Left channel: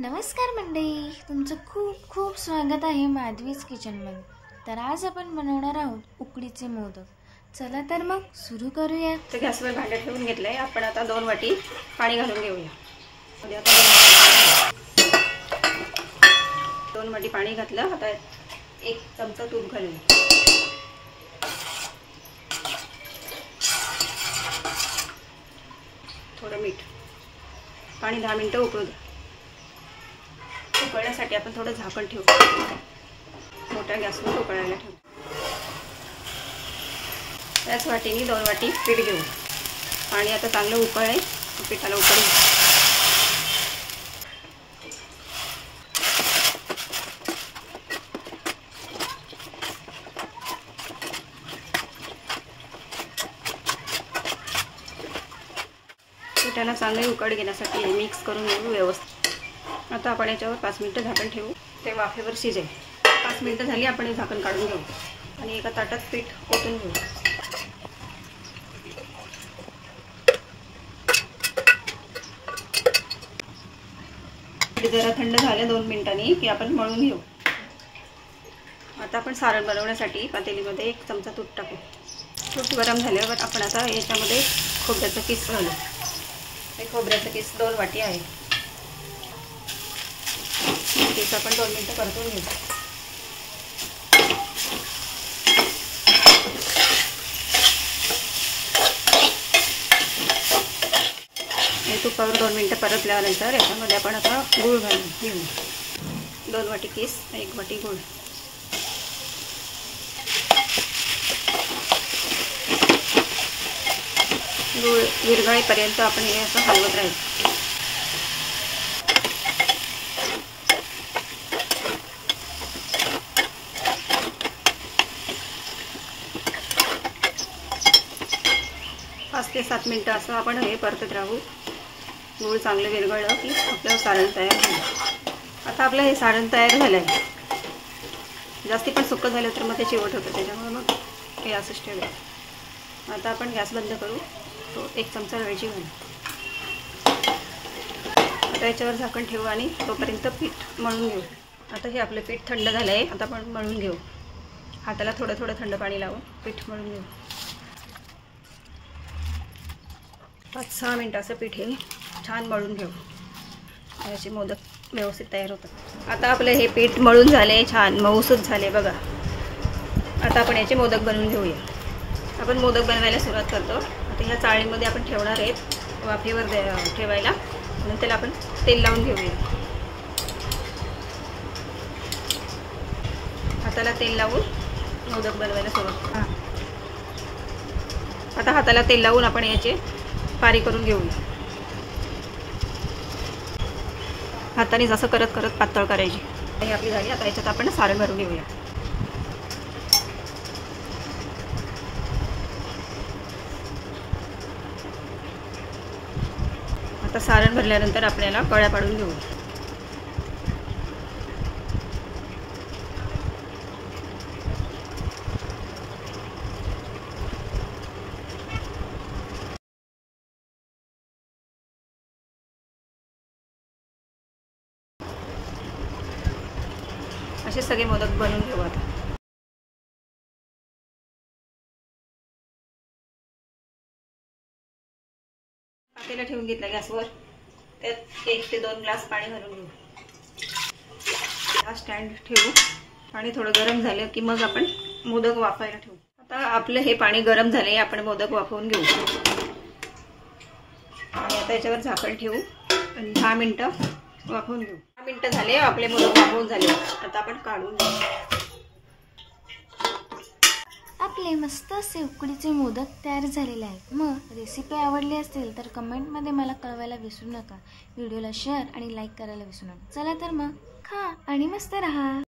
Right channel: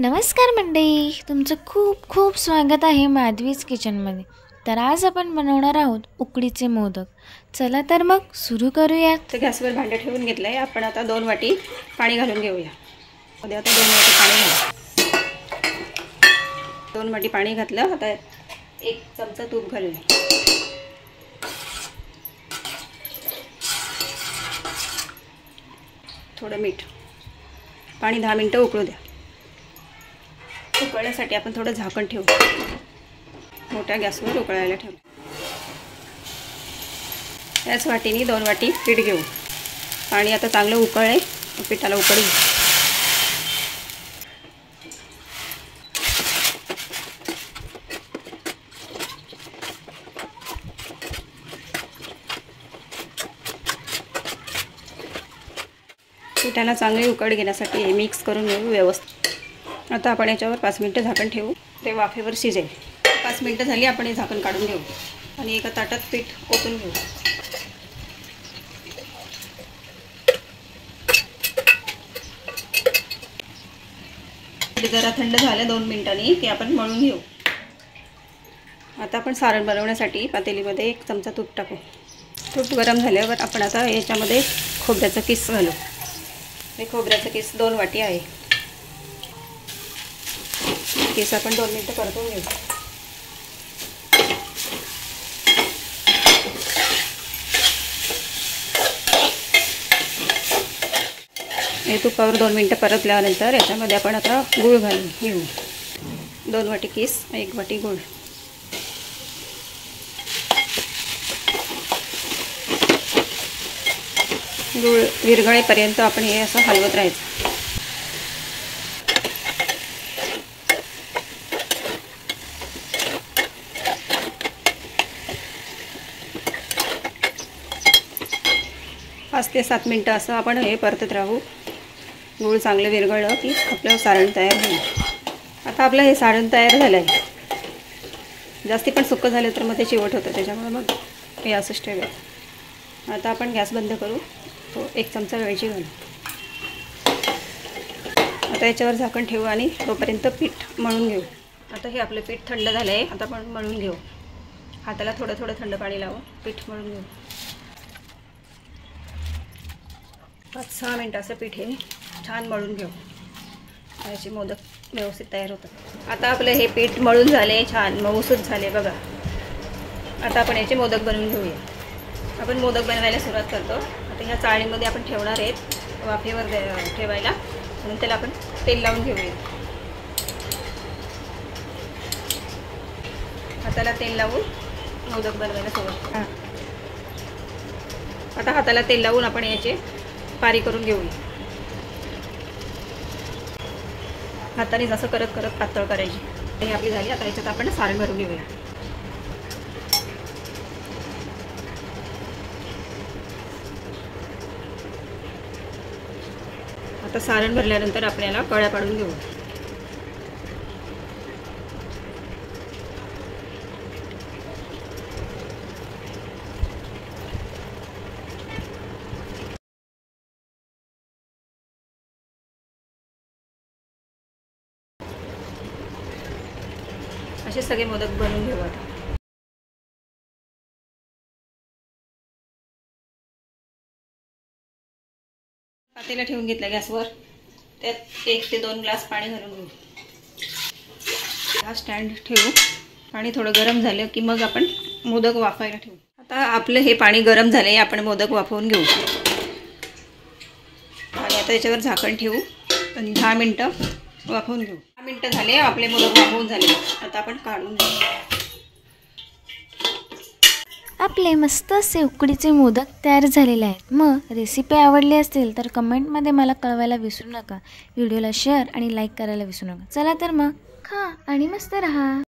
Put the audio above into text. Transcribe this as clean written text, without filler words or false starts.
नमस्कार मंडळी, तुमचं खूप खूप स्वागत आहे माधवीज किचनमध्ये। तर आज आपण बनवणार आहोत उकडीचे मोदक। चला तर मग सुरू करूया। तर गॅसवर भांडं ठेवून घेतलंय आपण। आता 2 वाटी पाणी घालून घेऊया। मध्ये आता 2 वाटी पाणी घातलं। आता 1 चमचा तूप घालूया। थोडं मीठ। पाणी 10 मिनिटं उकळू द्या। उकळण्यासाठी आपण थोडं झाकण ठेवू। मोठ्या गॅसवर उकळायला ठेवू। याच वाटीने 2 वाटी पीठ घेऊ। पाणी आता चांगलं उकळले, पिठाला उकळी। पिठाला चांगली उकळ घेण्यासाठी हे मिक्स करून घेऊ व्यवस्थित। आता आपण याच्यावर 5 मिनिटं झाकण ठेवू। ते वाफेवर शिजेल। 5 मिनिटं झाली, आपण हे झाकण काढून घेऊ आणि एका ताटात पीठ ओतून घेऊ। जरा थंड झालं 2 मिनिटांनी की आपण मळून घेऊ। आता आपण सारण बनवण्यासाठी पातेलीमध्ये 1 चमचा तूप टाकू। तूप गरम झाल्यावर आपण आता याच्यामध्ये खोबऱ्याचा किस घालू। हे खोबऱ्याचा किस 2 वाटी आहे। किस आपण 2 मिनिटं परतून घेऊ। हे तुपावर 2 मिनिटं परतल्यानंतर याच्यामध्ये आपण आता गूळ घालून घेऊ। 2 वाटी किस, 1 वाटी गूळ। गूळ विरघळेपर्यंत आपण हे असं हलवत राहायचं। पाच ते 7 मिनिटं असं आपण हे परतत राहू। गूळ चांगलं विरघळलं की आपलं सारण तयार होईल। आता आपलं हे सारण तयार झालं आहे। जास्ती पण सुक्कं झालं तर मग ते चिवट होतं, त्याच्यामुळे मग हे असंच ठेवायचं। आता आपण गॅस बंद करू। तो 1 चमचा वेलची घालू। आता याच्यावर झाकण ठेवू आणि तोपर्यंत पीठ मळून घेऊ। आता हे आपलं पीठ थंड झालं आहे। आता आपण मळून घेऊ। हाताला थोडं थोडं थंड पाणी लावून पीठ मळून घेऊ। 5-6 मिनिटं असं पीठ हे छान मळून घेऊ। याचे मोदक व्यवस्थित तयार होतात। आता आपलं हे पीठ मळून झाले, छान मऊसूत झाले बघा। आता आपण याचे मोदक बनवून घेऊया। आपण मोदक बनवायला सुरुवात करतो। आता ह्या चाळणीमध्ये आपण ठेवणार आहेत वाफेवर ठेवायला, म्हणून त्याला आपण तेल लावून घेऊया। हाताला तेल लावून मोदक बनवायला सुरुवात करू। आता हाताला तेल लावून आपण याचे पारी करून घेऊया। हाताने जसं करत करत पातळ करायची। हे आपली झाली। आता याच्यात आपण सारण भरून घेऊया। आता सारण भरल्यानंतर आपल्याला कळ्या पाडून घेऊ। असे सगळे मोदक बनवून घेऊ। आता पातेला ठेवून घेतला गॅसवर। त्यात 1 ते 2 ग्लास पाणी घालून घेऊ। हा स्टँड ठेवू। पाणी थोडं गरम झालं की मग आपण मोदक वाफायला ठेवू। आता आपलं हे पाणी गरम झालंय, आपण मोदक वाफवून घेऊ। आणि आता याच्यावर झाकण ठेवू आणि 10 मिनिटं वाफवून घेऊ। 10 मिनिटं झाले, आपले मोदक वाफवून झाले। आता आपण काढून घेऊ। आपले मस्त असे उकडीचे मोदक तयार झालेले आहेत। मग रेसिपी आवडली असेल तर कमेंटमध्ये मला कळवायला विसरू नका। व्हिडिओला शेअर आणि लाईक करायला विसरू नका। चला तर मग खा आणि मस्त रहा।